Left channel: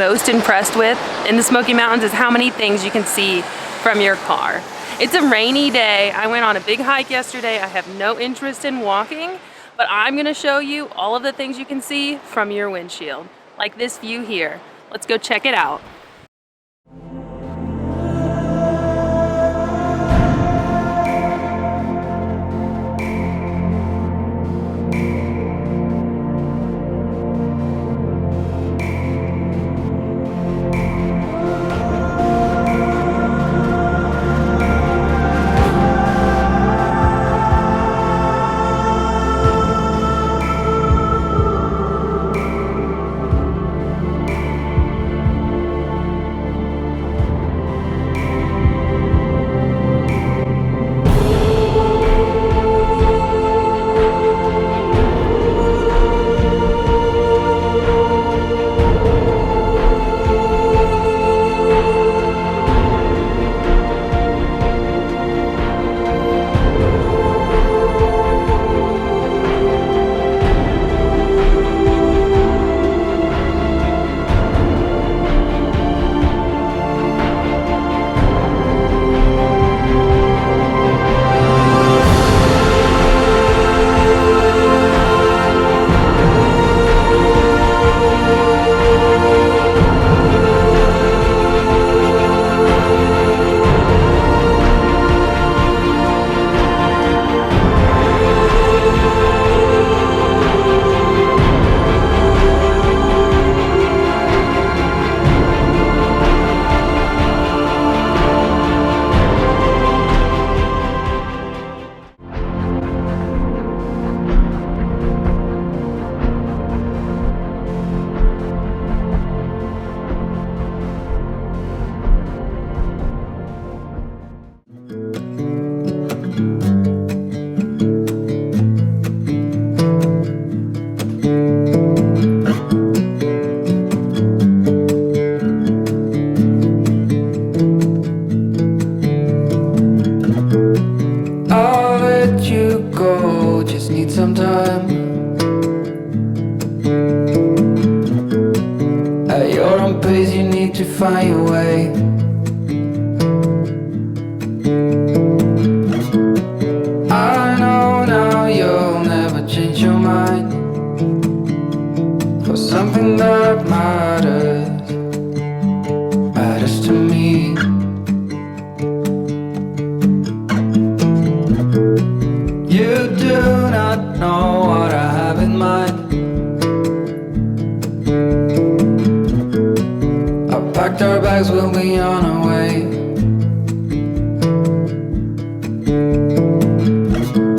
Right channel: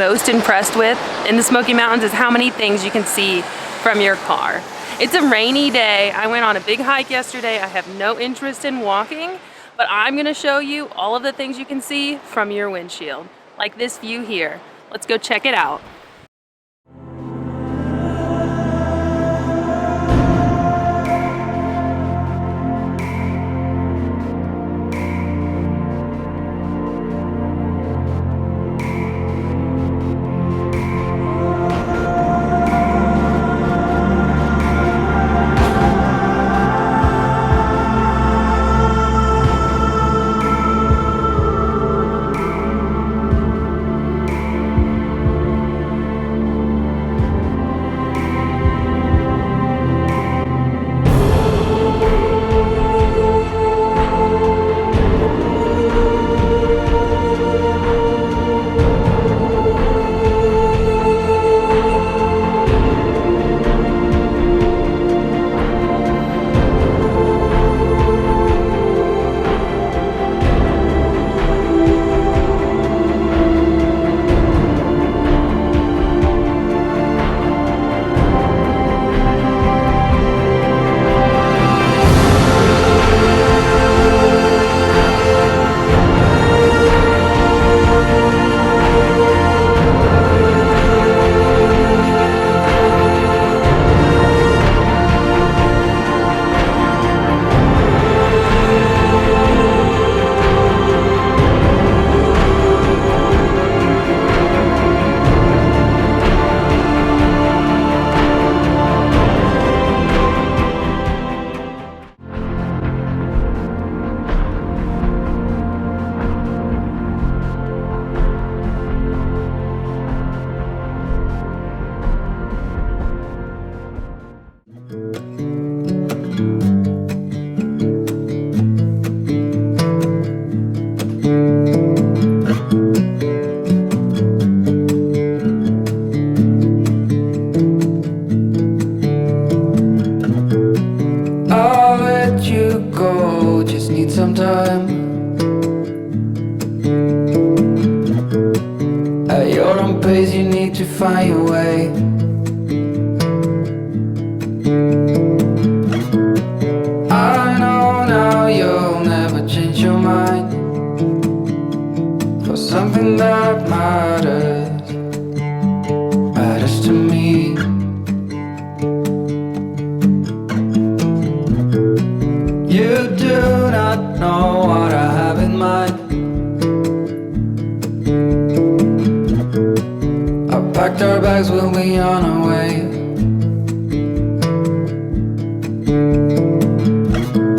most impressed with in the Smoky Mountains is how many things you can see from your car. It's a rainy day. I went on a big hike yesterday. I have no interest in walking, but I'm gonna show you all of the things you can see from your windshield, like this view here. Let's go check it out. Some time at your own pace, you need to find your way. I know now you'll never change your mind for something that matters to me. You do not know what I have in mind. I packed our bags, we'll be on our way.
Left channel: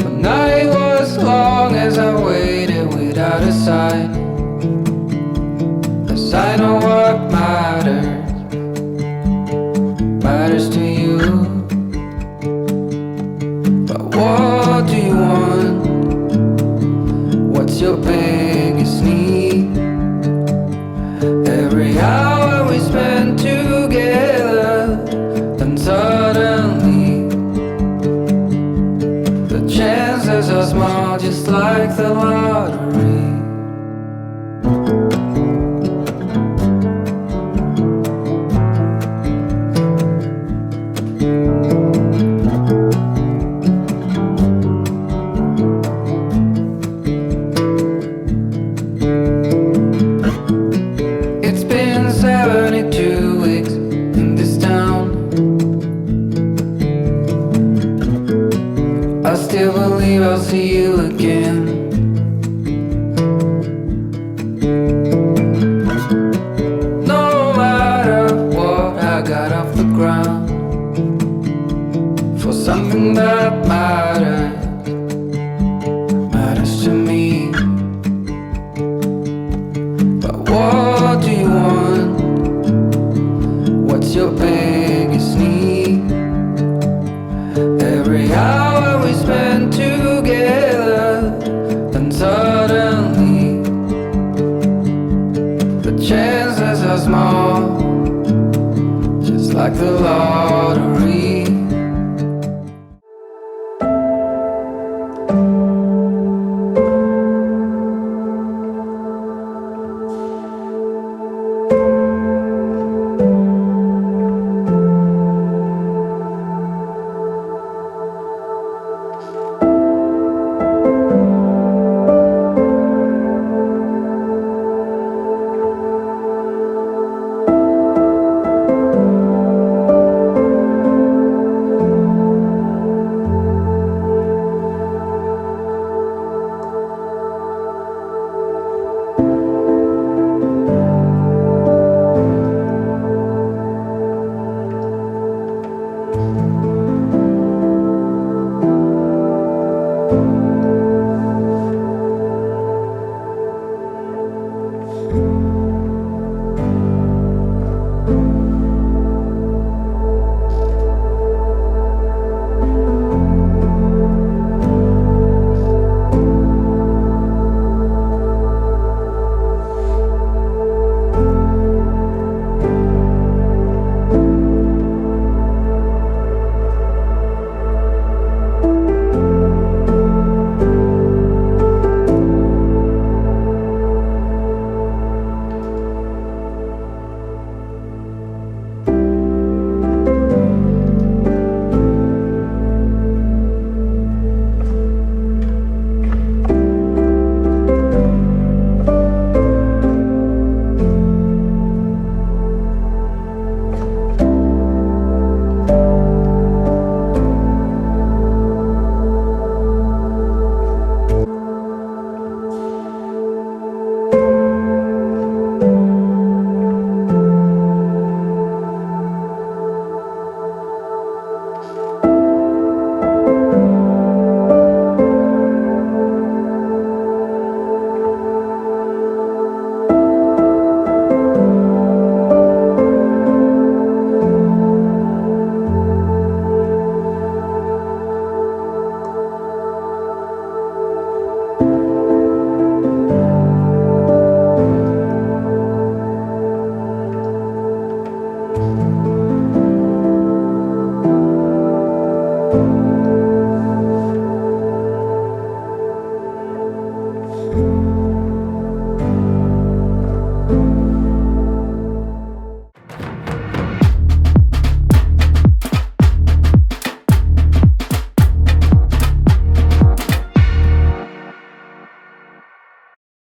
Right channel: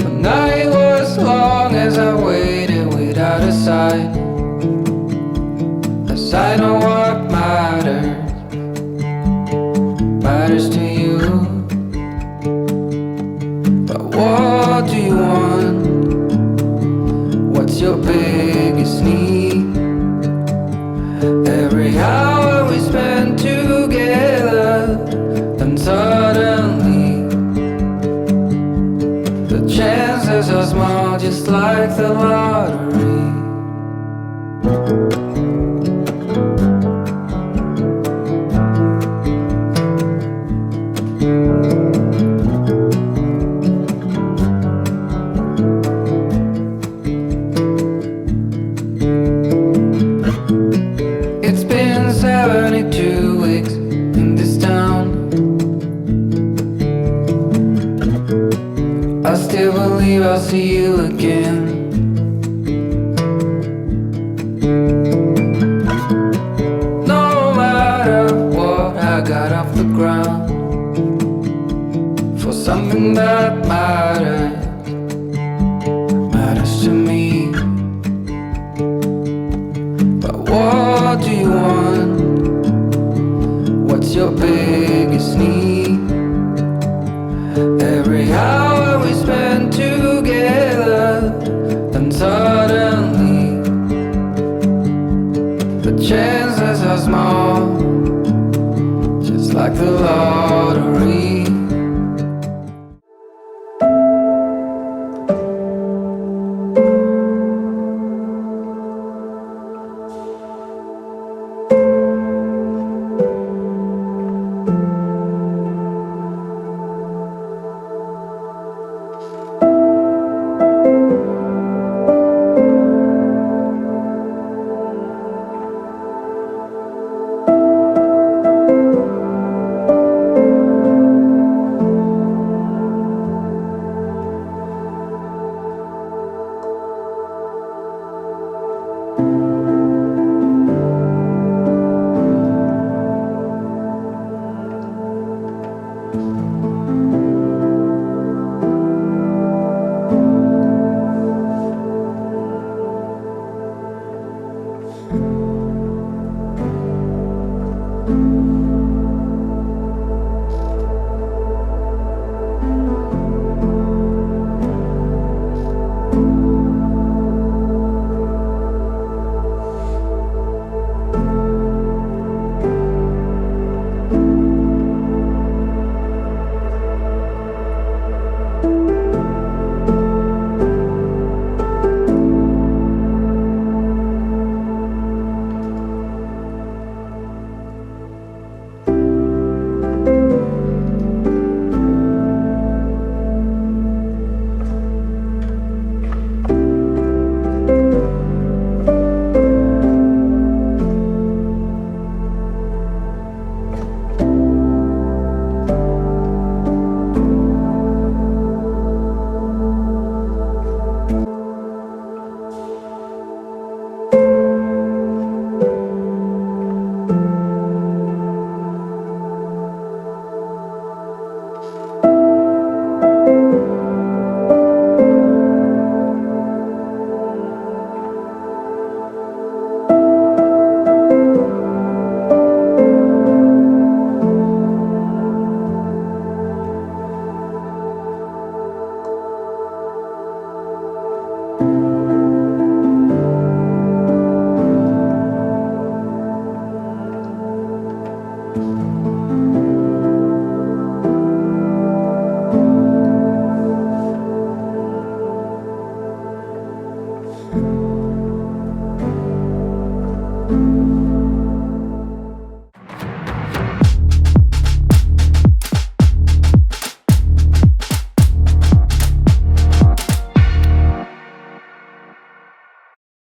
The night was long as I waited without a sign. A sign of what matters to you. But what do you want? What's your biggest need? Every hour we spend together, then suddenly the chances are small, just like the lottery. It's been 72 weeks in this town. I still believe I'll see you again. No matter what, I got off the ground for something that matters to me. But what do you want? What's your big